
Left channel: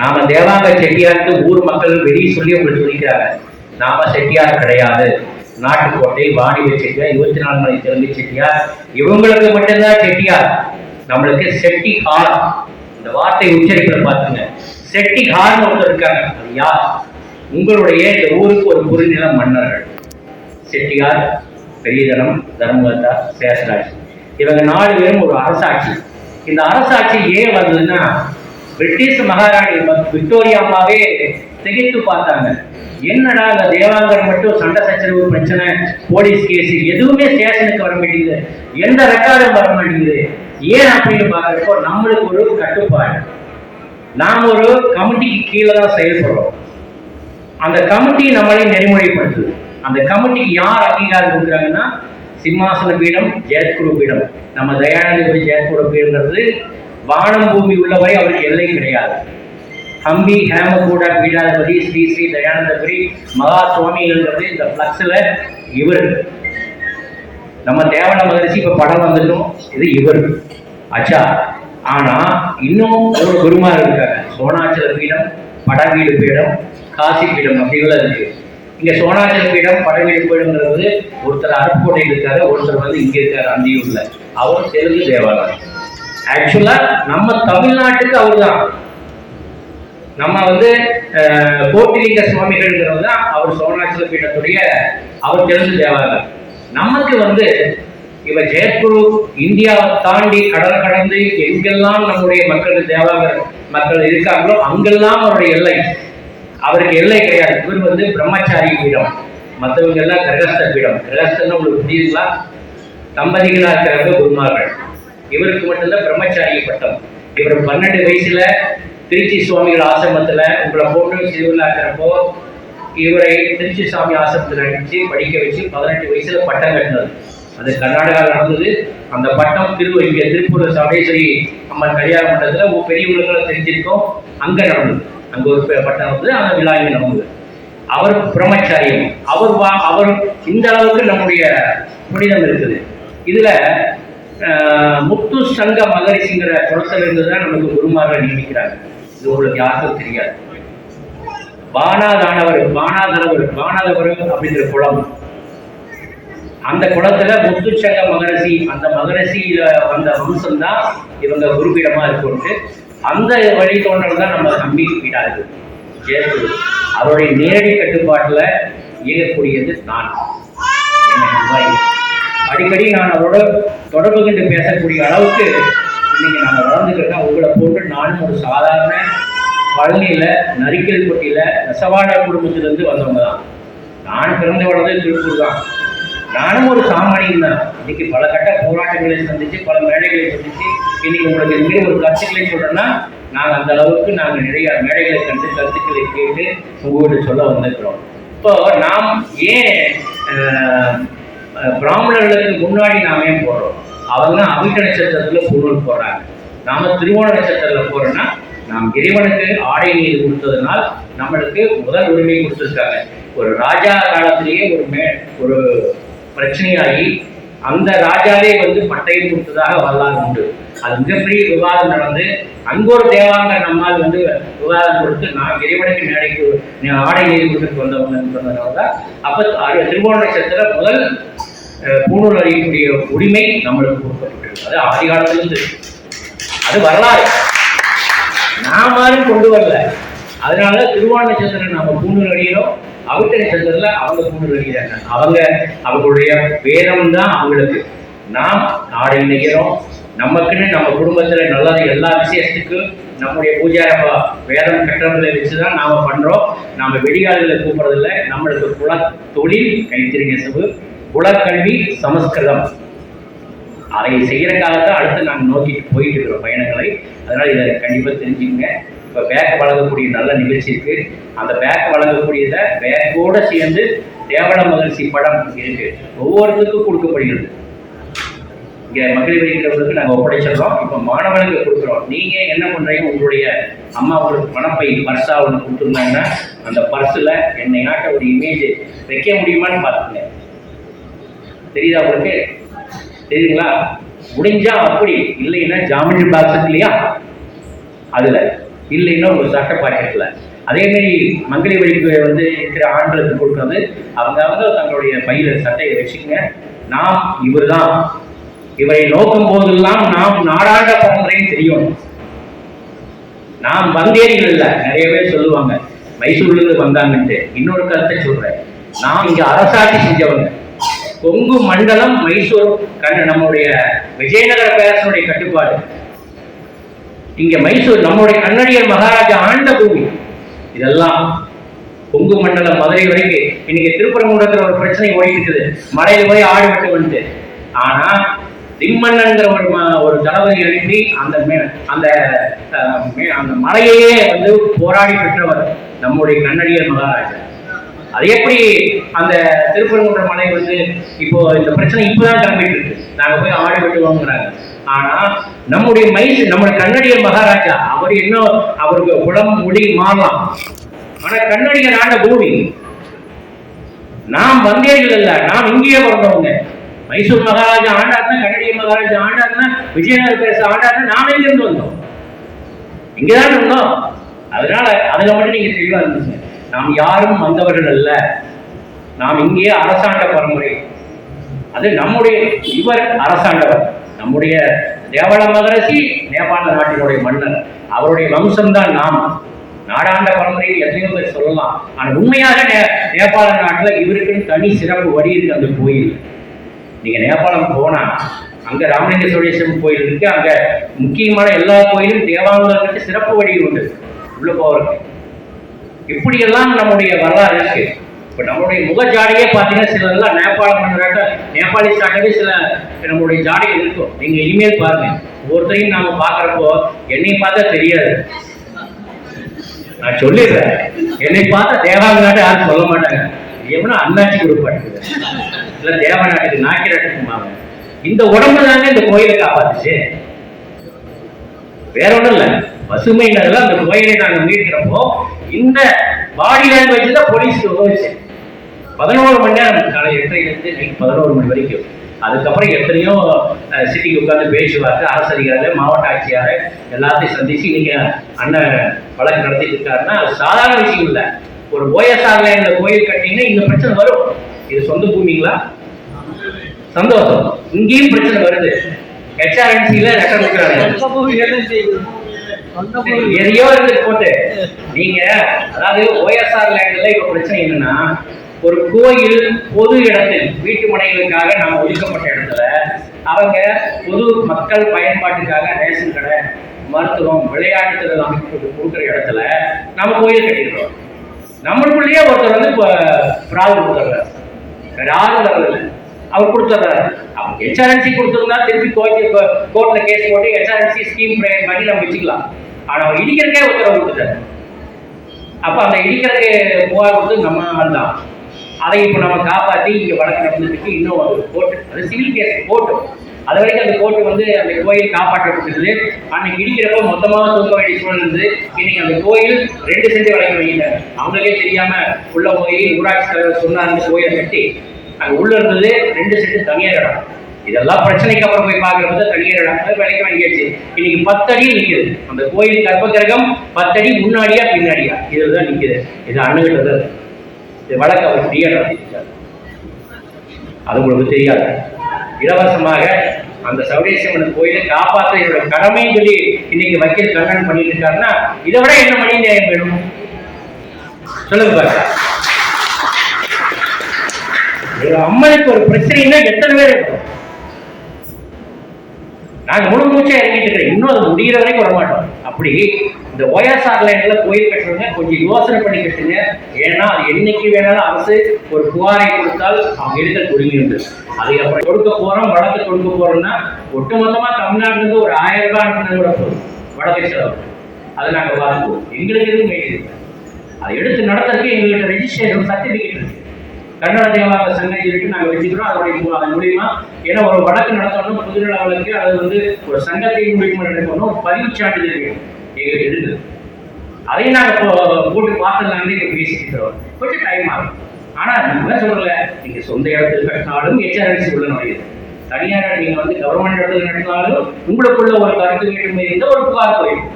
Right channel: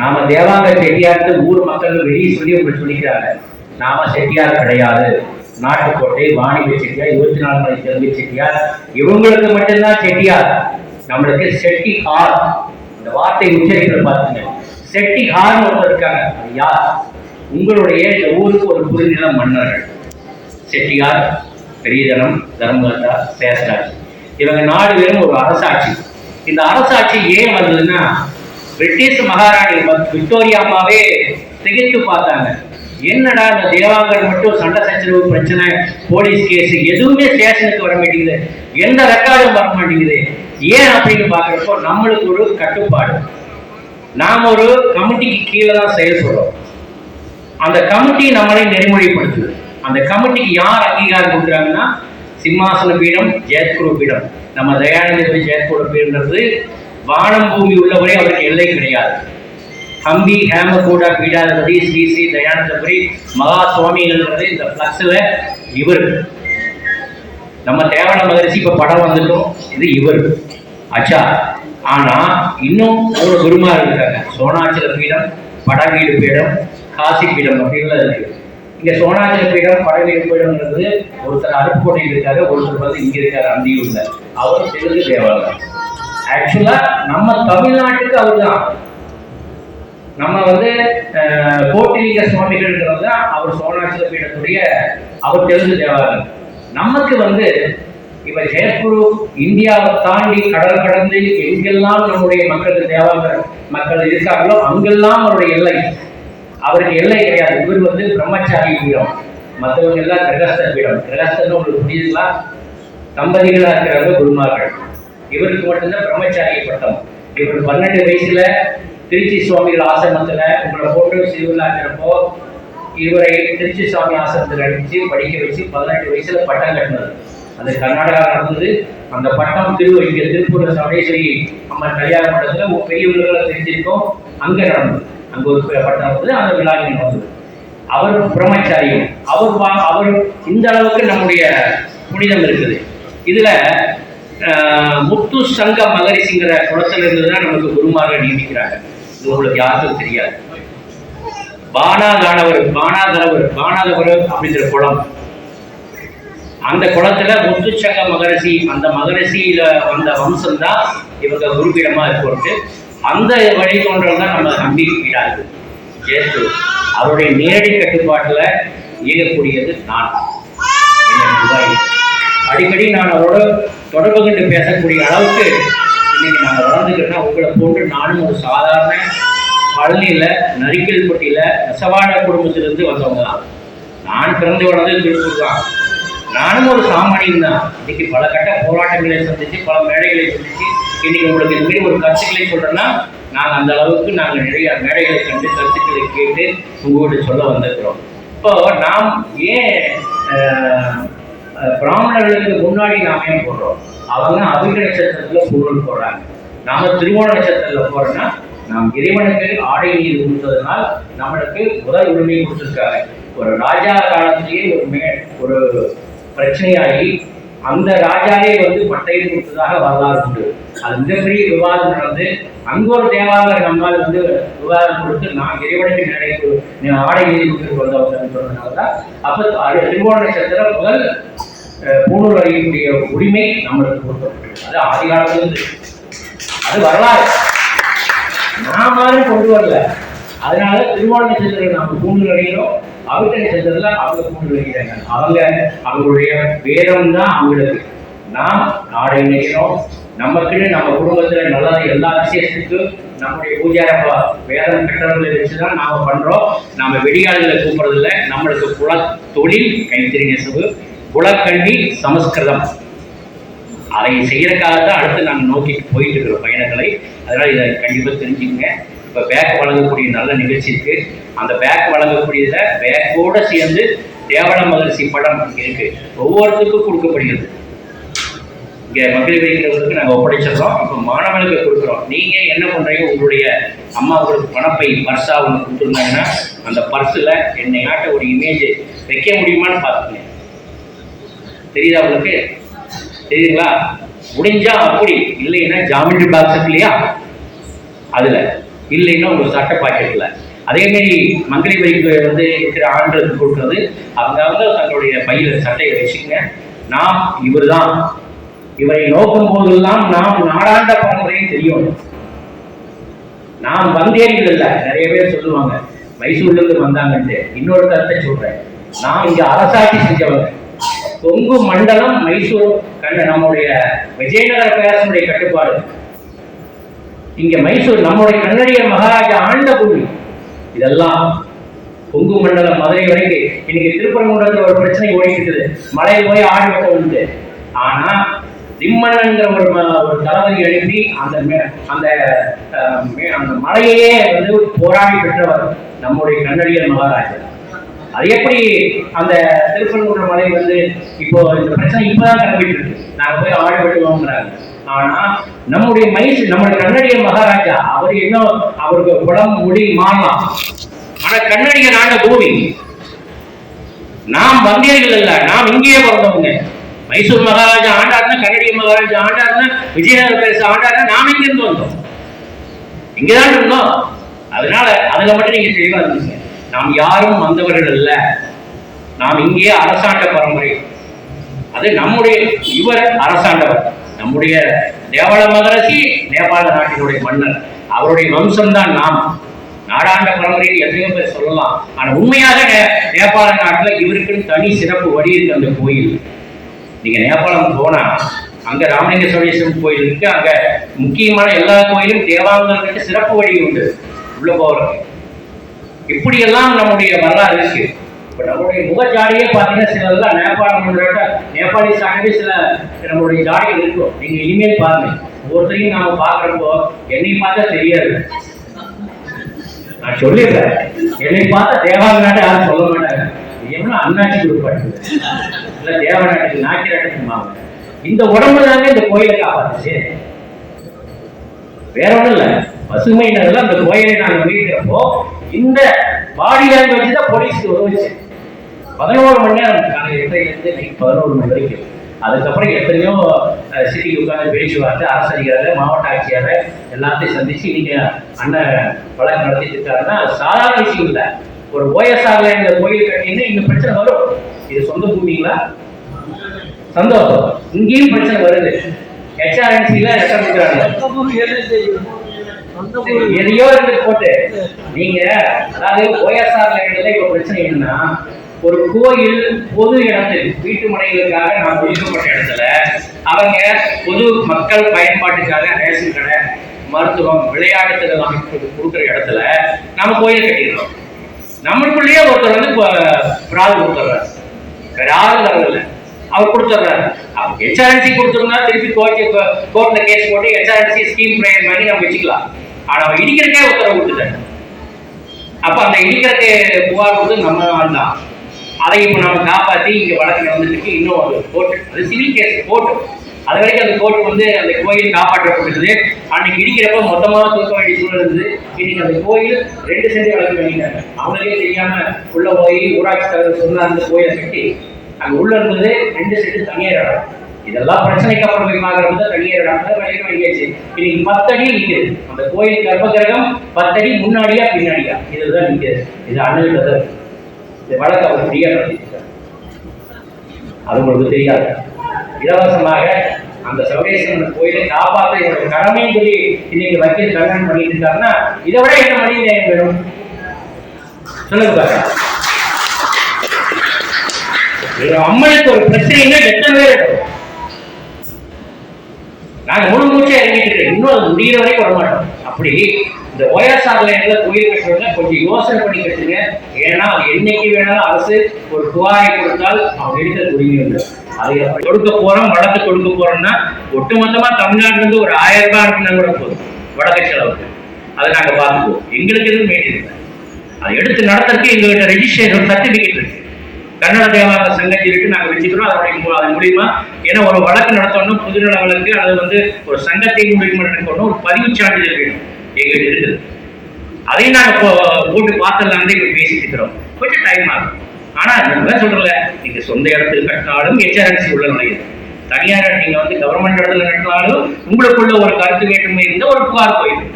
நாம தேவாங்க செட்டியாருக்கு ஊர் மக்கள் வெளியே சொல்லி உங்களுக்கு சொல்லிக்கிறாங்க. நாம செட்டியார் கிடையாது. நாட்டுக்கோட்டை வாணிப செட்டியார் இருபத்தி நாலு மணி தெலுங்கு செட்டியார். இவங்களுக்கு மட்டும்தான் செட்டியார். நம்மளுக்கு செட்டி ஹார் இந்த வார்த்தை உச்சரிப்பில் பார்த்துங்க செட்டி ஹார்னு ஒருத்தர் இருக்காங்க. யார்? உங்களுடைய இந்த ஊருக்கு ஒரு குறுநில மன்னர்கள். செட்டியார் பெரியதனம் தர்மகர்த்தா சேஷராஜ் இவங்க நாலு பேரும் ஒரு அரசாட்சி. இந்த அரசாட்சி ஏன் வந்ததுன்னா பிரிட்டிஷ் மகாராணி விக்டோரியா அம்மாவே திகைத்து பார்த்தாங்க. என்னடா இந்த தேவாங்கர் மட்டும் சண்டை சச்சரவு பிரச்சனை போலீஸ் கேஸ் எதுவுமே ஸ்டேஷனுக்கு வர மாட்டேங்குது. எந்த ரெக்கார்டும் வர மாட்டேங்குது. ஏன் அப்படின்னு பார்க்குறப்போ நம்மளுக்கு ஒரு கட்டுப்பாடு. நாம் ஒரு கமிட்டிக்கு கீழே தான் செயல்படுறோம் அந்த கமிட்டி நம்மளை நெறிமுறைப்படுத்துது. அந்த கமிட்டிக்கு யார் அங்கீகாரம் கொடுக்குறாங்கன்னா சிம்மாசன பீடம் ஜெயத்குரு பீடம் நம்ம தயானந்த ஜெயத்குரு பீடங்கிறது வானம் பூமி உள்ளவரை அவருக்கு எல்லை கிடையாது. ஹம்பி ஹேமகூடா பீடாதிபதி ஸ்ரீ ஸ்ரீ தயானந்தபுரி மகா சுவாமிகள்ன்றது இந்த ஃப்ளக்ஸில் இவர். நம்ம தேவன மகரிஷி இப்போ படம் வந்துட்டோம். இது இவர். அச்சா. ஆனா இன்னும் ஒரு பெருமாள் இருக்காங்க. சோனாச்சல பீடம் படவீடு பீடம் காசி பீடம் அப்படின்லாம் இருக்குது இங்க சோனாச்சல பீடம் படவீடு பீடம்ங்கிறது ஒருத்தர் அருப்புக்கோட்டையில் இருக்காரு ஒருத்தர் வந்து இங்க இருக்காரு அந்தியூர்ல. அவர் தெலுங்கு தேவாலயம் ஆக்சுவலா நம்ம தமிழ்நாட்டுக்கு அவர் தான் நம்ம வந்து அஹ், கோட்டிலிங்க சுவாமிகள்ங்கிறது தான் அவர் சோனாச்சல பீடத்துடைய அவர் தெலுங்கு தேவாலயம் நமக்கு வந்து இவ ஜெயக்குரு இந்தியாவை தாண்டி கடல் கடந்து எங்கெல்லாம் நம்முடைய மக்களுக்கு தேவாங்க மக்கள் இருக்காங்களோ அங்கெல்லாம் அவருடைய எல்லை. அவருக்கு எல்லை கிடையாது. இவர் வந்து பிரம்மச்சாரி பீடம். மற்றவங்க எல்லாம் கிரகஸ்த பீடம். கிரகஸ்தன்னு உங்களுக்கு புரியுதுங்களா? தம்பதிகளாக இருக்கிறவங்க குருமார்கள். இவருக்கு மட்டும்தான் பிரம்மச்சாரி பட்டம். இவர் பன்னெண்டு வயசுல திருச்சி சுவாமிகள் ஆசிரமத்தில் உங்களை போட்டு சிறுவிழாக்கிறப்போ இவரை திருச்சி சுவாமி ஆசிரமத்தில் அடித்து படிக்க வச்சு பதினெட்டு வயசுல பட்டம் கட்டினது அது கர்நாடகாவில் நடந்தது. அந்த பட்டம் திரு இங்கே திருப்பூர் சமேஸ்வரி அம்மன் கல்யாண மண்டலத்தில் ஒரு பெரியவர்களுக்கெல்லாம் தெரிஞ்சிருக்கோம். அங்கே நடந்தது. நம்ம ஒரு ப- பட்டம் அந்த விழாவில் வந்து. நடந்தது அவர் பிரம்மச்சாரியம் அவர் வா அவர் இந்த அளவுக்கு நம்முடைய புனிதம் இருக்குது. இதுல ஆஹ், முத்து சங்க மகரிஷிங்கிற குளத்துல இருந்து தான் நமக்கு குருமார்கள் நியமிக்கிறாங்க இது உங்களுக்கு யாருக்கும் தெரியாது. பானாதானவர் பானாதரவர் பானாதவர் அப்படிங்கிற குளம். அந்த குளத்துல முத்துச்சங்க மகரிஷி அந்த மகரிஷியில வந்த வம்சம் தான் இவங்க குருபீடமா இருக்கோன்ட்டு அந்த வழித்தோன்றல் தான் நம்ம நம்பிக்கையிடாது ஜேசு அவருடைய நேரடி கட்டுப்பாட்டில் இயங்கக்கூடியது நான். என்ன நிர்வாகி. அடிக்கடி நான் அவரோட தொடர்பு கொண்டு பேசக்கூடிய அளவுக்கு இன்னைக்கு நாங்கள் வளர்ந்துக்கிறேன்னா உங்களை போன்று நானும் ஒரு சாதாரண பழனியில் நரிக்கல்பட்டியில் நெசவாட குடும்பத்திலிருந்து வந்தவங்க தான் நான் பிறந்து வளர்ந்து திருப்பூர் தான். நானும் ஒரு சாமானியன் தான். இன்னைக்கு பல கட்ட போராட்டங்களை சந்தித்து பல மேடைகளை சந்தித்து இன்னைக்கு உங்களுக்கு இது மாதிரி ஒரு கட்சிகளை சொல்கிறேன்னா நாங்கள் அந்த அளவுக்கு நாங்கள் நிறைய மேடைகளை கண்டு கருத்துக்களை கேட்டு உங்கள்கிட்ட சொல்ல வந்திருக்கிறோம். இப்போ நாம் ஏன் பிராமணர்களுக்கு முன்னாடி நாம ஏன் போடுறோம் அவங்க அவிட்ட நட்சத்திரத்தில் பொருள் போடுறாங்க. நாம திருவோண நட்சத்திரத்தில் போறோம்னா நாம் இறைவனுக்கு ஆடை நீர் கொடுத்ததுனால் நம்மளுக்கு முதல் உரிமை கொடுத்துருக்காங்க. ஒரு ராஜா காலத்திலேயே ஒரு மே ஒரு பிரச்சனையாகி அந்த ராஜாவே வந்து பட்டையை கொடுத்ததாக வரலாறு உண்டு. அது மிகப்பெரிய விவாதம் நடந்து அங்க ஒரு தேவாங்கிற நம்மால் வந்து விவாதம் கொடுத்து நான் இறைவனுக்கு மேடைக்கு ஆடை நீதி கொடுத்துட்டு வந்தவங்க சொன்னதுனால தான் அப்போ திருவோண நட்சத்திர முதல் அஹ், பூணூல் அறியக்கூடிய உரிமை நம்மளுக்கு கொடுக்கப்பட்டிருக்கு. அது ஆதி காலத்திலிருந்து. அது வரலாறு. நான் யாரும் கொண்டு வரல. அதனால திருவோண நட்சத்திரம் நம்ம பூணூல் அடிக்கிறோம் அவர்கிட்ட நட்சத்திரத்துல அவங்க பூணூல் அடிக்கிறாங்க அவங்க அவங்களுடைய வேதம் தான் அவங்களுக்கு. நாம் நாடு இணைக்கிறோம். நமக்குன்னு நம்ம குடும்பத்துல நல்லது எல்லா விசேஷத்துக்கும் நம்முடைய பூஜாரப்பா வேதம் கட்டணங்களை வச்சுதான் நாம பண்றோம். நாம வெடிகாலில் கூப்பிடுறதில்ல. நம்மளுக்கு குல தொழில் கைத்தறி நெசவு குலக்கல்வி சமஸ்கிருதம். அதை செய்யறதுக்காக தான் அடுத்து நாங்கள் நோக்கி போயிட்டு இருக்கிறோம் பயணங்களை அதனால இதை கண்டிப்பாக தெரிஞ்சுக்கங்க. இப்போ பேக் வழங்கக்கூடிய நல்ல நிகழ்ச்சி இருக்கு. அந்த பேக் வழங்கக்கூடியதை பேக்கோட சேர்ந்து தேவள மகிழ்ச்சி படம் இருக்கு. ஒவ்வொருத்தருக்கும் கொடுக்கப்படுகிறது. இங்கே மகளிர் வைக்கிறவர்களுக்கு நாங்கள் ஒப்படைச்சிடுறோம். இப்போ மாணவர்களுக்கு கொடுக்குறோம். நீங்கள் என்ன பண்ணுறீங்க உங்களுடைய அம்மா உங்களுக்கு பணப்பை பர்ஸாக ஒன்று கொடுத்துருந்தாங்கன்னா அந்த பர்ஸில் என்னையாட்ட ஒரு இமேஜ் வைக்க முடியுமான்னு பார்த்துங்க தெரியுதா உங்களுக்கு? தெரியுதுங்களா? முடிஞ்சா அப்படி இல்லைன்னா ஜாமெண்ட்ரி பாக்ஸ் இருக்கு இல்லையா? அதில். இல்லைன்னா உங்கள் சட்டை பாக்கெட்ல. அதேமாரி மங்களி வரிக்கு வந்து இருக்கிற ஆண்களுக்கு கொடுக்குறது அவங்க அவங்க தங்களுடைய பையில சட்டையை வச்சுக்கங்க. நாம் இவர்தான். இவரை நோக்கும் போதெல்லாம் நாம் நாடாண்ட பரம்பரையும் தெரியும். நாம் வந்தேரிகள் இல்ல நிறைய பேர் சொல்லுவாங்க மைசூர்ல இருந்து வந்தாங்கன்ட்டு. இன்னொரு கருத்தை சொல்றேன். நாம் இங்க அரசாட்சி செஞ்சவங்க. கொங்கு மண்டலம் மைசூர் கண்ண நம்முடைய விஜயநகர பேரசனுடைய கட்டுப்பாடு. இங்க மைசூர் நம்முடைய கன்னடியர் மகாராஜா ஆண்ட பூமி. இதெல்லாம் கொங்கு மண்டலம் மதுரை வரைக்கும் இன்னைக்கு திருப்பரங்குன்றத்துல ஒரு பிரச்சனை ஓடிட்டு இருக்குது மலையில போய் ஆடு வெட்ட வந்துட்டு. ஆனா திம்மன்னங்கிற ஒரு ஒரு தளபதி எழுப்பி அந்த மே- அந்த அந்த மலையையே வந்து போராடி பெற்றவர் நம்முடைய கண்ணடியர் மகாராஜா அது எப்படி அந்த திருப்பரங்குன்ற மலை வந்து இப்போ இந்த பிரச்சனை இப்பதான் கிளம்பிட்டு இருக்கு. நாங்க போய் ஆடி வெட்டுவோங்கிறாங்க ஆனா நம்முடைய மைசூர் நம்முடைய கண்ணடியர் மகாராஜா அவர் இன்னும் அவருக்கு குடம் முடி மாறலாம். ஆனா கன்னடிய நாட பூமி நாம் வந்தீர்கள் இல்ல நாம் இங்கேயே பிறந்தவங்க. மைசூர் மகாராஜா ஆண்டாருன்னா கன்னடிய மகாராஜா ஆண்டாருன்னா விஜயநகர பேச ஆண்டாருன்னா நாம எங்க இருந்து வந்தோம் இங்கதான் இருந்தோம் அதனால அதுல மட்டும் நீங்க தெளிவா இருந்துச்சு நாம் யாரும் வந்தவர்கள் அல்ல நாம் இங்கேயே அரசாண்ட பரம்பரை அது நம்முடைய இவர் அரசாண்டவர் நம்முடைய தேவள மகரசி நேபாள நாட்டினுடைய மன்னர் அவருடைய வம்சம்தான் நாம் நாடாண்ட பரம்பரையில் எத்தனையோ பேர் சொல்லலாம் ஆனால் உண்மையாக நே- நேபாள நாட்டில் இவருக்குன்னு தனி சிறப்பு வழி இருக்கு அந்த கோயில் நீங்க நேபாளம் போனால் அங்கே ராமலிங்க கோயில் இருக்கு அங்கே முக்கியமான எல்லா கோயிலும் தேவாங்கர்களுக்கு சிறப்பு வழி உண்டு. உள்ள போறதுக்கு இப்படியெல்லாம் நம்முடைய வரலாறு இருக்கு. இப்போ நம்மளுடைய முகஜாடையே பார்த்தீங்கன்னா சிலதெல்லாம் நேபாளம் நேபாளிஸாகவே சில நம்மளுடைய ஜாடைகள் இருக்கும். நீங்கள் இனிமேல் பாருங்க. ஒவ்வொருத்தரையும் நாம பார்க்குறப்போ என்னை பார்த்தா தெரியாது. நான் சொல்லிடுறேன். என்னை பார்த்தா தேவாங்கநாட்டை யாரும் சொல்ல மாட்டாங்க. எவனா அண்ணாச்சி கொடுப்பாட்டு இல்லை தேவநாட்டுக்கு நாக்கிராட்டுக்குமாங்க இந்த உடம்பு தானே இந்த கோயிலை காப்பாத்துச்சு. வேற ஒண்ணும் இல்ல. பசுமை அந்த கோயிலை நாங்கள் மீட்கிறப்போ இந்த பாடி லாங்குவேஜ் தான் போலீஸ் உதவுச்சு பதினோரு மணி நேரம் காலை எட்டரைலேருந்து நைட் பதினோரு மணி வரைக்கும். அதுக்கப்புறம் எத்தனையோ சிட்டிக்கு உட்கார்ந்து பேச்சுவார்த்தை அரசு மாவட்ட ஆட்சியார் எல்லாத்தையும் சந்திச்சு நீங்கள் அண்ணன் வழக்கு நடத்திட்டு இருக்காருன்னா சாதாரண விஷயம் இல்லை. ஒரு ஓஎஸ்ஆர்ல இந்த கோயில் கட்டிங்கன்னா இந்த பிரச்சனை வரும். இது சொந்த பூமிங்களா? சந்தோஷம். இங்கேயும் பிரச்சனை வருது. ஹெச்ஆர்என்சில லெட்டர் கொடுக்குறாங்க. எதையோ இருந்து போட்டு. நீங்க அதாவது ஓஎஸ்ஆர் லேண்ட்ல இப்ப பிரச்சனை என்னன்னா ஒரு கோயில் பொது இடத்தில் வீட்டு மனைகளுக்காக நாம் ஒதுக்கப்பட்ட இடத்துல அவங்க பொது மக்கள் பயன்பாட்டுக்காக ரேஷன் கடை மருத்துவம் விளையாட்டுகள் அமைப்பு கொடுக்குற இடத்துல நம்ம கோயில் கட்டிடுறோம். நம்மளுக்குள்ளேயே ஒருத்தர் வந்து பிராது கொடுத்துட்றாரு. வேற யாரும் அவர் கொடுத்துட்றாரு அப்போ ஹெச்ஆர்என்சி கொடுத்துருந்தா திருப்பி கோர்ட்டு கோர்ட்ல கேஸ் போட்டு ஹெச்ஆர்என்சி ஸ்கீம் ப்ரேயர் மாதிரி நம்ம வச்சுக்கலாம். ஆனா அவர் இடிக்கிறக்கே உத்தரவு கொடுத்துட்டாரு அப்ப அந்த இடிக்கிறக்கு புகார் கொடுத்து நம்ம ஆள் தான். அதை இப்போ நம்ம காப்பாற்றி இங்கே வழக்கு நடந்துட்டு இன்னும் அது கோர்ட்டு அது சிவில் கேஸ் கோர்ட்டு அது வரைக்கும் அந்த கோர்ட் வந்து அந்த கோயில் காப்பாற்றப்பட்டது அன்னைக்கு இடிக்கிறப்ப மொத்தமாக தூக்க வேண்டிய சூழல் இருந்தது. இன்னைக்கு அந்த கோயில் ரெண்டு செஞ்சு வரைக்கும் வைக்கிறாங்க அவங்களுக்கே தெரியாம உள்ள போய் ஊராட்சி தலைவர் சொன்ன அந்த கோயிலை கட்டி அங்க உள்ள இருந்தது. ரெண்டு செட்டு தனியார் இடம். இதெல்லாம் பிரச்சனைக்கு அப்புறம் போய் பார்க்கறது தனியார் இடம். அதை விலைக்கு வாங்கியாச்சு இன்னைக்கு பத்தடி நிக்குது. அந்த கோயில் கர்ப்பகிரகம் பத்தடி முன்னாடியா பின்னாடியா? இதுதான் நிக்குது. இது அணுகிட்டது இந்த வழக்கு அவர் ஃப்ரீயா நடத்திட்டார் அது உங்களுக்கு தெரியாது. இலவசமாக அந்த சௌரேஸ்வரன் கோயிலை காப்பாற்ற என்னோட கடமைன்னு சொல்லி இன்னைக்கு வக்கீல் கண்ணன் பண்ணிட்டு இருக்காருன்னா இதை விட என்ன மணி நியாயம் வேணும்? சொல்லுங்க பாருங்க. அம்மனுக்கு ஒரு பிரச்சனைன்னா எத்தனை பேர் இருக்கும் நாங்க முழு மூச்சா இறங்கிட்டு இருக்கோம் இன்னும் அது முடிகிற வரைக்கும் வரமாட்டோம் அப்படி இந்த ஓஎஸ்ஆர் லைன்ல கோயில் கட்டுறவங்க கொஞ்சம் யோசனை பண்ணி கட்டுங்க. ஏன்னா அது என்னைக்கு வேணாலும் அரசு ஒரு புகாரை கொடுத்தால் அவங்க எடுக்க உரிமை உண்டு அதை எப்படி கொடுக்க போறோம் வழக்கு கொடுக்க போறோம்னா ஒட்டுமொத்தமா தமிழ்நாட்டுல இருந்து ஒரு ஆயிரம் ரூபாய் அனுப்பினா கூட போதும் வழக்கு செலவுக்கு. அதை நாங்க பார்த்துக்குவோம். எங்களுக்கு எதுவும் வேண்டியது அதை எடுத்து நடத்துறதுக்கு எங்கள்கிட்ட ரெஜிஸ்ட்ரேஷன் சர்டிபிகேட் இருக்கு. கன்னட தேவாலய சங்கத்தை இருக்கு நாங்க வச்சுக்கிறோம். அதனுடைய மூ- மூலியமா ஏன்னா ஒரு வழக்கு நடத்தணும் புதுநல வழக்கு அது வந்து ஒரு சங்கத்தை மூலியமா நடக்கணும் ஒரு பதிவு சான்றிதழ் வேணும். எங்ககிட்ட இருக்குது. அதையும் நாங்கள் இப்போ போட்டு பார்த்துடலான்னு இப்போ பேசிட்டு கொஞ்சம் டைம் ஆகும். ஆனா நம்ம சொல்றல நீங்க சொந்த இடத்துல கட்டினாலும் ஹெச்ஆர்என்சி உள்ள நுழையுது. தனியார் நீங்க வந்து கவர்மெண்ட் இடத்துல கட்டினாலும் உங்களுக்குள்ள ஒரு கருத்து வேற்றுமை இருந்த ஒரு புகார் போயிடும்.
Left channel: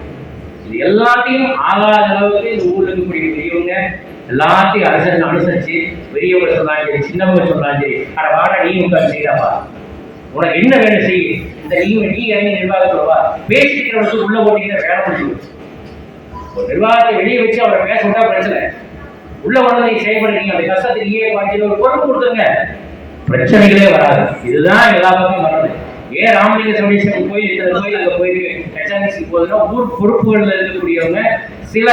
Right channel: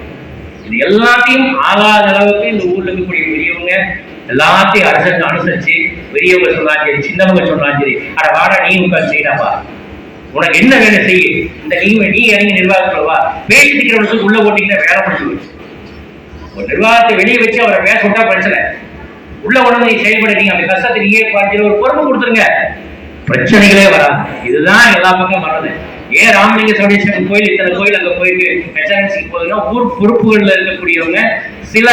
இது எல்லாத்தையும் ஆகாத அளவுக்கு இந்த ஊர்ல இருக்கக்கூடிய பெரியவங்க எல்லாத்தையும் அரசு அனுசரிச்சு பெரியவங்க சொன்னாலும் சரி சின்னவங்க சொன்னாலும் சரி அட வாடா நீ உட்காந்து செய்யறாப்பா உனக்கு என்ன வேணும் செய்ய இந்த நீ நீ இறங்கி நிர்வாகத்துல வா. பேசிட்டு இருக்கிறவங்களுக்கு உள்ள போட்டீங்கன்னா வேலை பிடிச்சி போச்சு. ஒரு நிர்வாகத்தை வெளியே வச்சு அவரை பேச விட்டா பிரச்சனை. உள்ள உடனே நீ செயல்பட நீங்க அந்த கஷ்டத்தை நீயே ஒரு பொறுப்பு கொடுத்துருங்க. பிரச்சனைகளே வராது. இதுதான் எல்லா பக்கம் வர்றது ஏன் ராமலிங்க சோழேஸ்வரன் கோயில் இத்தனை கோயில் அங்கே போயிட்டு ஹெச்ஆர்என்சிக்கு போகுதுன்னா ஊர் பொறுப்புகளில் இருக்கக்கூடியவங்க சில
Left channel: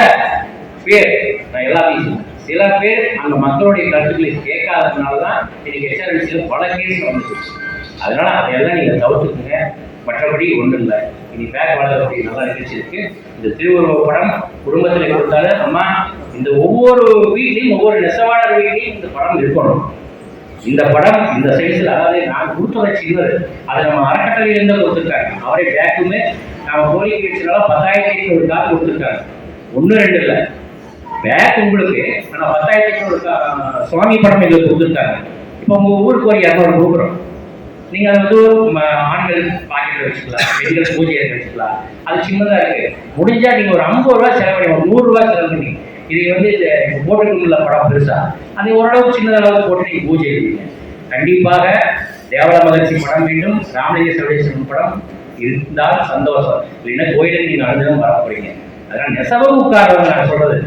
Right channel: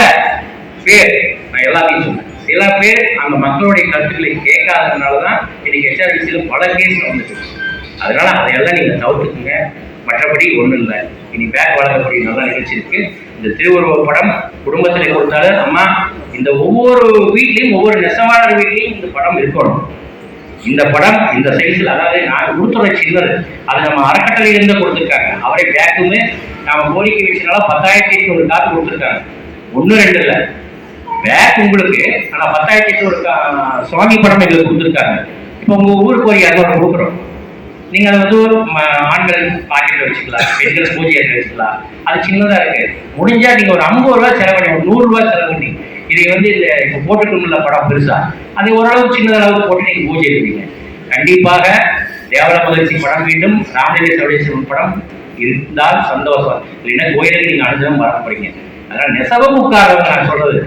பேர் நான் எல்லாத்தையும் சொல்றேன். சில பேர் அந்த மக்களுடைய கருத்துக்களை கேட்காததுனால தான் இன்னைக்கு ஹெச்ஆர்என்சியில் பல கேஸ் வந்துச்சு அதனால அதையெல்லாம் நீங்க தவிர்த்துக்குங்க. மற்றபடி ஒன்றும் இல்லை இனி பேக் வழங்கக்கூடிய நல்ல நிகழ்ச்சி இருக்கு. இந்த திருவுருவ படம் குடும்பத்தில் கொடுத்தாலும் அம்மா இந்த ஒவ்வொரு வீட்லையும் ஒவ்வொரு நெசவாளர் வீட்லையும் இந்த படம் இருக்கணும். இந்த படம் இந்த சைஸில் அதாவது நான் கொடுத்துற சின்னது அதை நம்ம அறக்கட்டளையிலேருந்து கொடுத்துருக்காங்க. அவரை பேக்குமே நாம் கோரிக்கை வச்சனால பத்தாயிரத்தி எட்நூறு காசு கொடுத்துருக்காங்க. ஒன்று ரெண்டு இல்லை. பேக் உங்களுக்கு ஆனால் பத்தாயிரத்தி எட்நூறு கா- சுவாமி படம் எங்களுக்கு கொடுத்துருக்காங்க. இப்போ உங்கள் ஊருக்கு ஒரு இரநூறு கொடுக்குறோம். நீங்கள் அதை வந்து ஒரு ஆண்கள் பாக்கெட்டில் வச்சுக்கலாம் பெண்கள் பூஜை வச்சுக்கலாம். அது சின்னதாக இருக்கு. முடிஞ்சா நீங்கள் ஒரு ஐம்பது ரூபா செலவு ஒரு நூறுரூவா செலவு பண்ணி இதை வந்து இந்த இப்போ போட்டுக்கணும்ல படம் பெருசா அது ஓரளவு சின்னதளவு போட்டு நீங்கள் பூஜை எடுப்பீங்க கண்டிப்பாக தேவல மகிழ்ச்சி படம் வேண்டும். ராமலிங்க சவடேஸ்வரன் படம் இருந்தால் சந்தோஷம். இல்லைன்னா கோயிலுக்கு நீங்கள் அனுதினம் வர போறீங்க. அதனால நெசவும் உட்காரவங்க நான் சொல்றது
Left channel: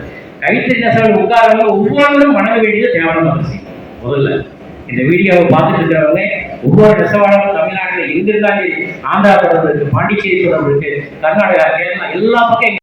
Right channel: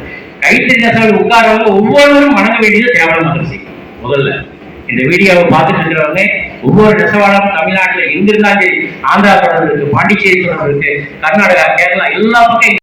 கைத்தறி நெசவு உட்காரவங்க ஒவ்வொருவரும் வணங்க வேண்டியது தேவல மகிழ்ச்சி. முதல்ல இந்த வீடியோவை பார்த்துட்டு இருக்கிறவங்க ஒவ்வொரு நெசவாளரும் தமிழ்நாட்டுல எங்க ஆந்திரா தொடர்பு இருக்கு பாண்டிச்சேரி தொடர்பு இருக்கு கர்நாடகா கேரளா எல்லா பக்கம்